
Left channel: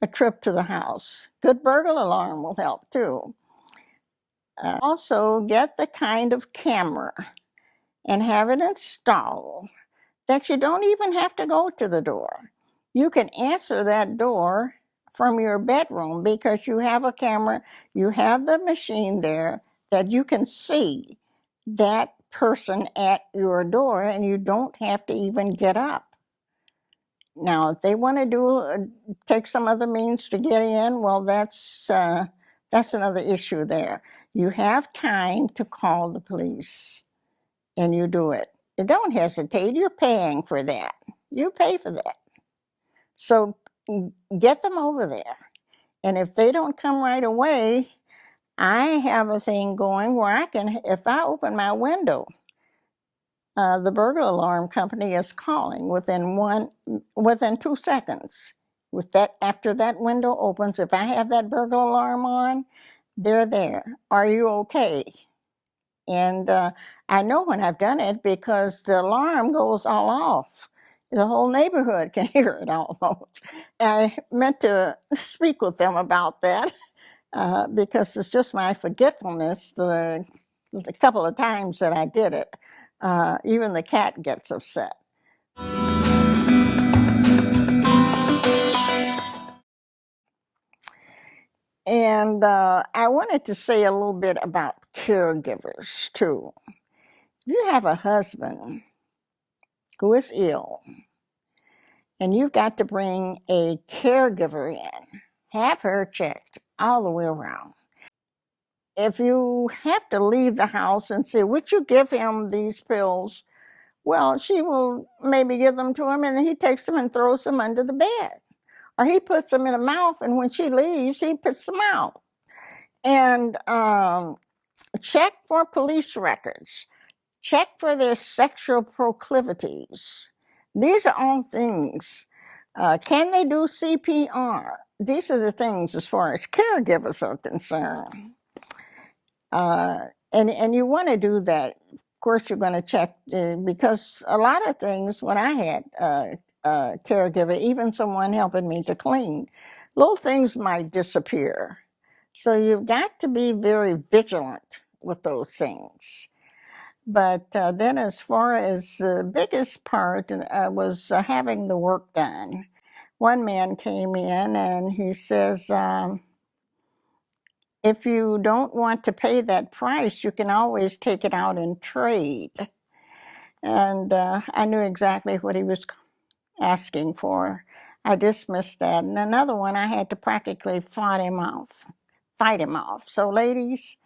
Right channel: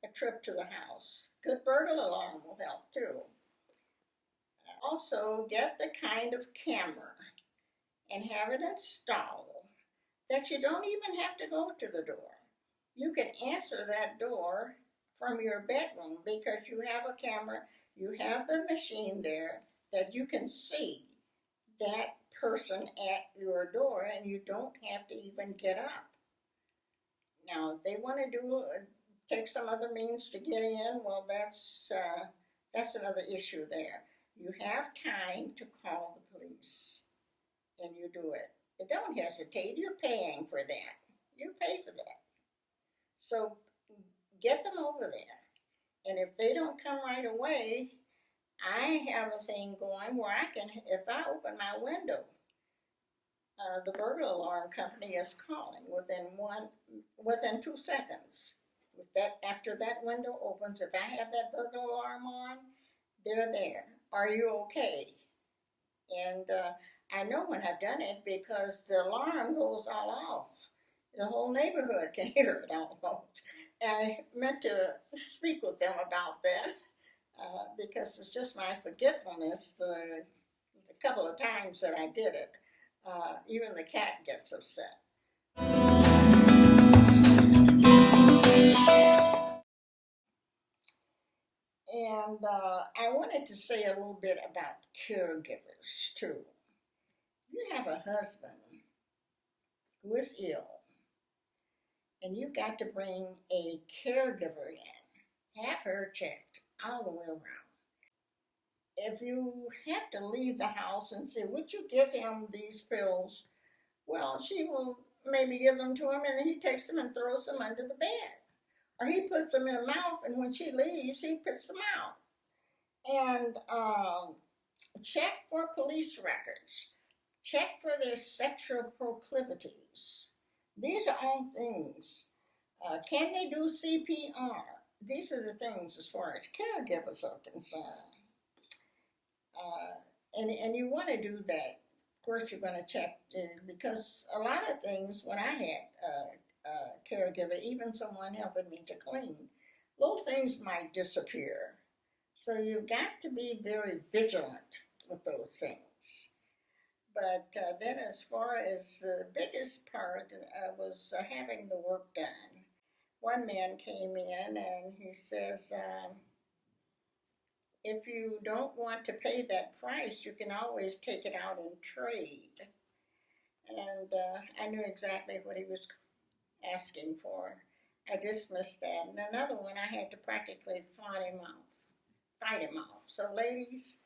a trip to the house. Good burglar alarm will help too. Also, get the kind of camera and have it installed that you don't even have to go to the door. You can answer that door from your bedroom because you have a camera, you have the machine there that you can see that person at your door, and you don't have to even get up. Now, if they want to take some other means to get in, well, that's another issue there. You have time to call the police, and you do it. Don't hesitate. You're paying for that. You pay for that. So get them over there. And if they don't come right away, I have a thing going where I can, if I open my window, the burglar alarm company is calling within 2 seconds. After that window opens, if I have that burglar alarm on, they're there. Are you okay? And I know when I've done it because the alarm goes all off. The whole neighborhood can hear it almost. I meant to speak with them about that because it's just my forgetfulness the couple of times that I did it. Even the cat gets upset. And I wanted to say a little bit about caregivers too. If you have a husband who is ill and you've got to bring a caregiver in, have her checked all the way around. If you have to leave the house and say, would you give him these pills? Well, she will maybe give them to him, and then he takes them and throws them under the bed. Or he puts them in a mouth, and when she leaves, he puts them out. And check for police records. Check for their sexual proclivities. These are all things. Can they do CPR? These are the things as far as caregivers are concerned. And you want to do that. Of course, you're going to check because a lot of things, when I had a caregiver, even someone helping me to clean, little things might disappear. So you've got to be very vigilant with those things. But then as far as the biggest part was having the work done. One man came in and he says, if you don't want to pay that price, you can always take it out in trade. And I knew exactly what he was asking for. I dismissed that. And another one, I had to practically fight him off. So ladies,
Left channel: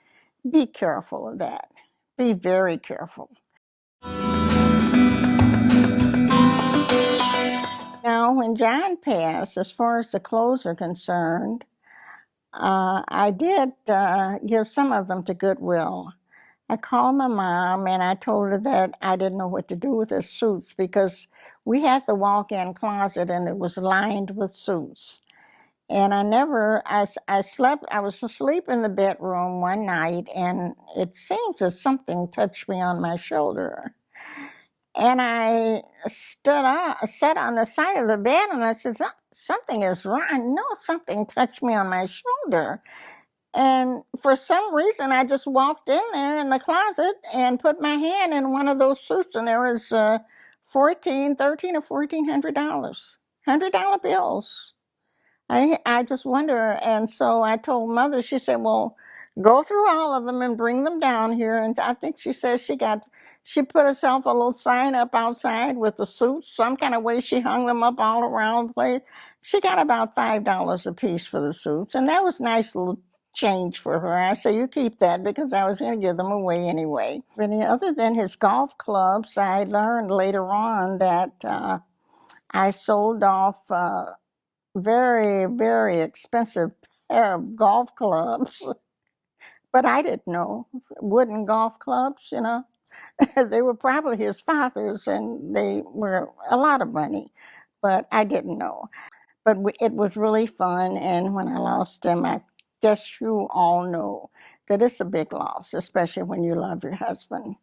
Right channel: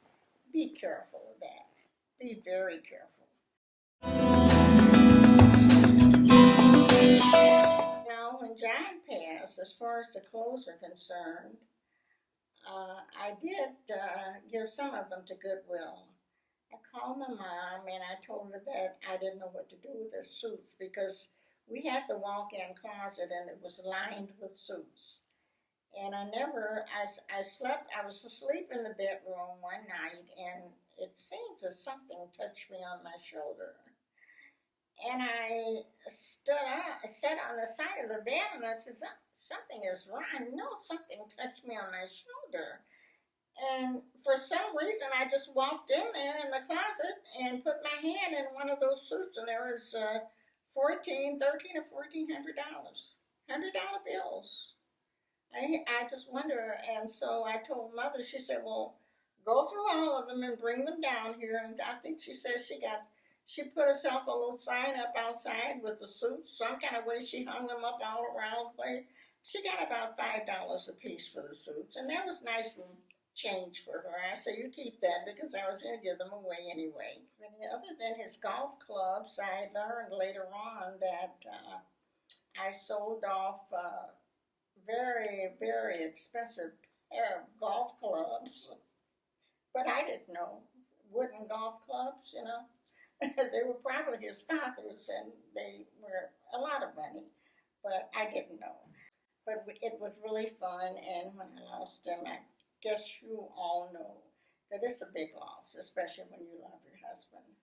be careful of that. Be very careful. Now, when John passed, as far as the clothes are concerned, I did give some of them to Goodwill. I called my mom and I told her that I didn't know what to do with the suits because we had the walk-in closet and it was lined with suits. And I was asleep in the bedroom one night, and it seemed that something touched me on my shoulder. And I sat on the side of the bed, and I said, something is wrong. I know something touched me on my shoulder. And for some reason, I just walked in there in the closet and put my hand in one of those suits, and there was $13 or $1,400, $100 bills. I just wonder, and so I told Mother. She said, well, Go through all of them and bring them down here. And I think she says she put herself a little sign up outside with the suits. Some kind of way she hung them up all around the place. She got about $5 a piece for the suits, and that was nice little change for her. I say, you keep that, because I was going to give them away anyway. Really, other than his golf clubs, I learned later on that I sold off very, very expensive pair of golf clubs. But I didn't know. Wooden golf clubs, you know. They were probably his father's, and they were a lot of money, but I didn't know. But it was really fun, and when I lost him, I guess you all know that it's a big loss, especially when you love your husband.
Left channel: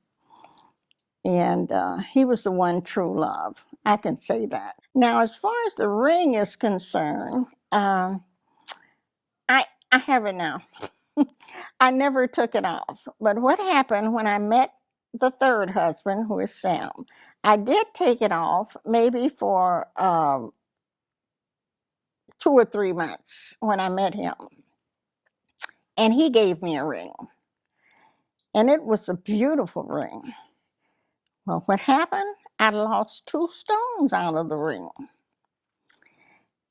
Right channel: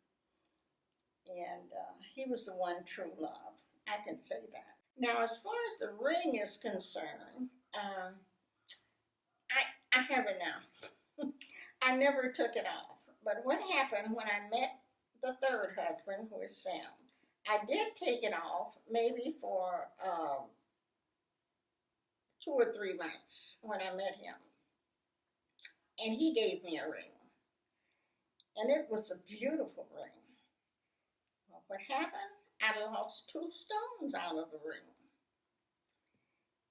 And he was the one true love. I can say that. Now, as far as the ring is concerned, I have it now. I never took it off. But what happened when I met the third husband, who is Sam, I did take it off maybe for 2 or 3 months when I met him. And he gave me a ring. And it was a beautiful ring. Well, what happened? I lost 2 stones out of the ring.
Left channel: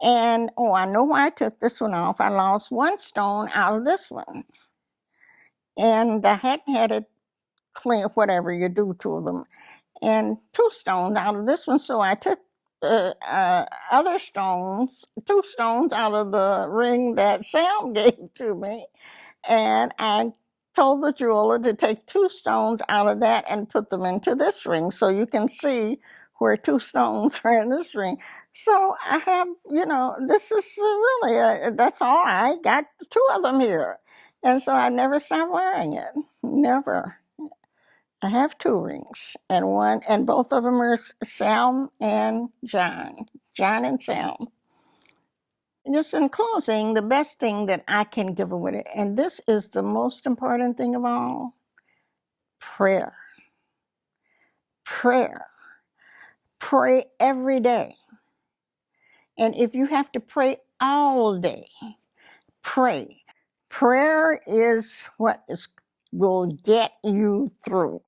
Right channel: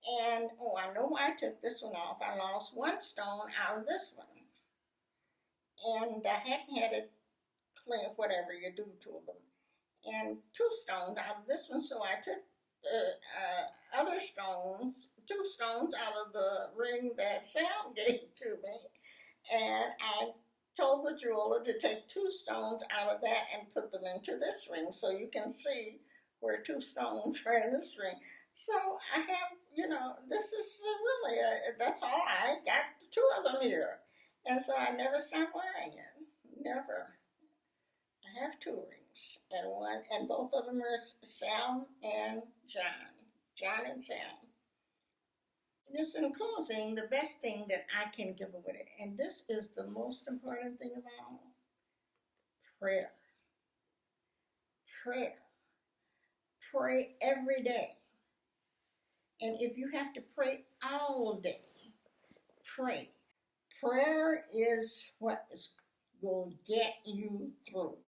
And, I know why I took this one off. I lost 1 stone out of this one. And I hadn't had it clean, whatever you do to them. And 2 stones out of this one. So I took the other stones, 2 stones out of the ring that Sam gave to me. And I told the jeweler to take 2 stones out of that and put them into this ring, so you can see where 2 stones are in this ring. So I have, this is really, that's all. I got 2 of them here. And so I never stopped wearing it. Never. I have 2 rings, and both of them are Sam and John. John and Sam. Just in closing, the best thing that I can give away, and this is the most important thing of all, prayer. Prayer. Pray every day. And if you have to pray all day, pray. Prayer is what will get you through.